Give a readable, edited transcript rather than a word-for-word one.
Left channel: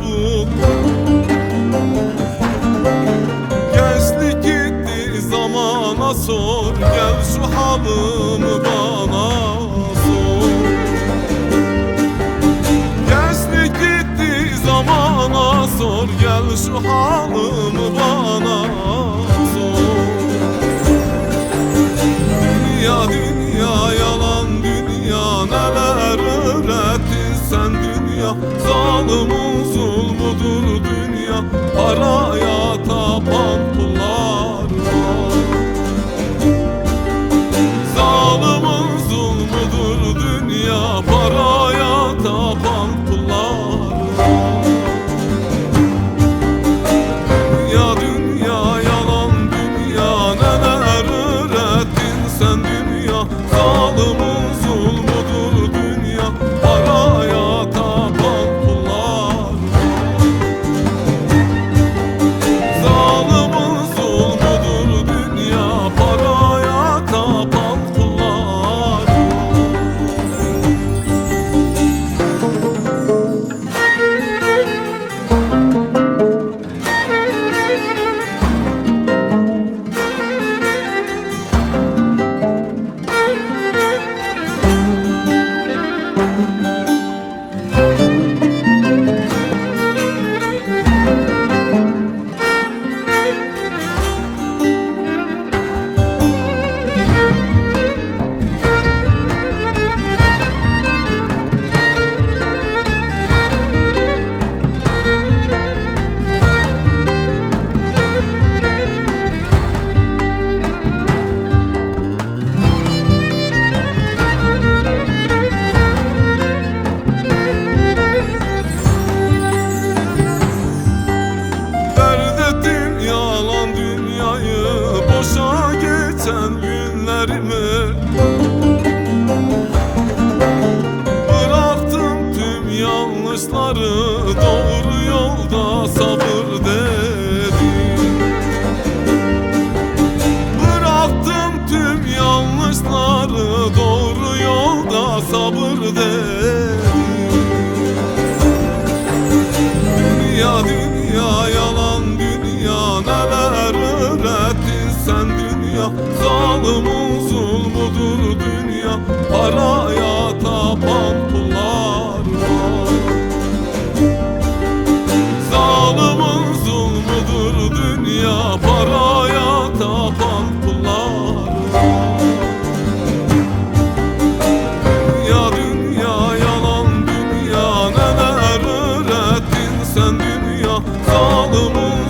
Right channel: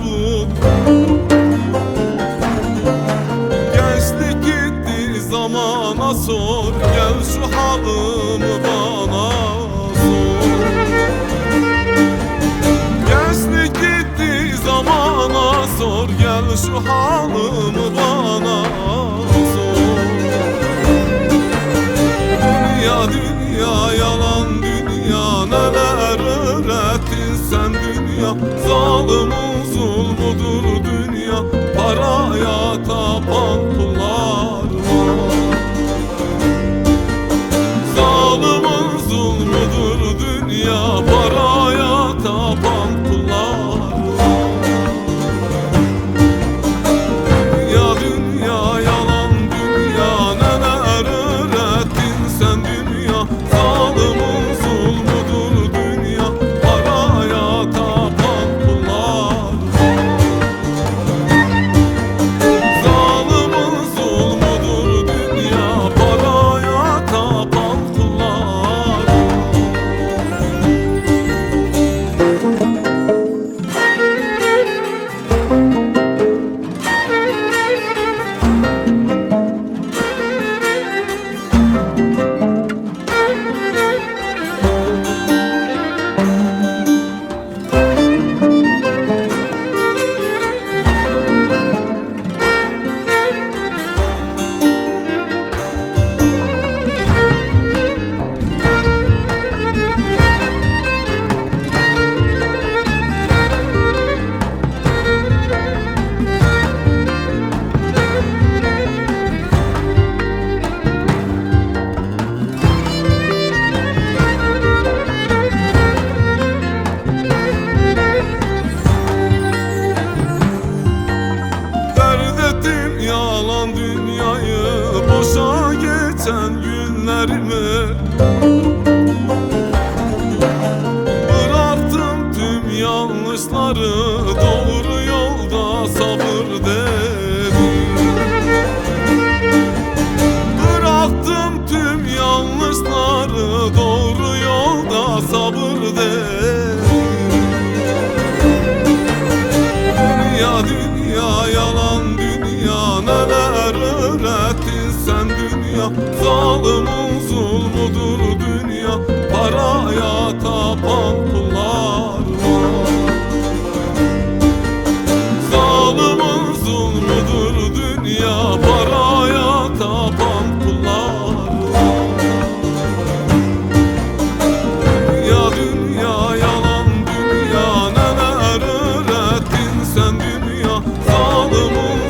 bu. Gençlik gitti zamana sor, gel şu halımı bana sor. Gençlik gitti zamana sor, gel şu halımı bana sor. Dünya dünya yalan dünya, neler öğrettin sen dünya. Zalimin zulmudur dünya, paraya tapan kullar var. Zalimin zulmudur dünya, paraya tapan kullar var. Dünya dünya yalan dünya, neler öğrettin sen dünya. Zalimin zulmudur dünya, paraya tapan kullar var. Zalimin zulmudur dünya, paraya tapan kullar var. Yalan dünyayı, boşa geçen günlerimi. Bıraktım tüm yanlışları, doğru yolda sabır dedim. Bıraktım tüm yanlışları, doğru yolda sabır dedim. Dünya dünya yalan dünya, neler öğrettin sen dünya. Zalimin zulmudur dünya, paraya tapan kullar var. Zalimin zulmudur dünya, paraya tapan kullar var. Dünya dünya yalan dünya, neler öğrettin sen dünya. Zalimin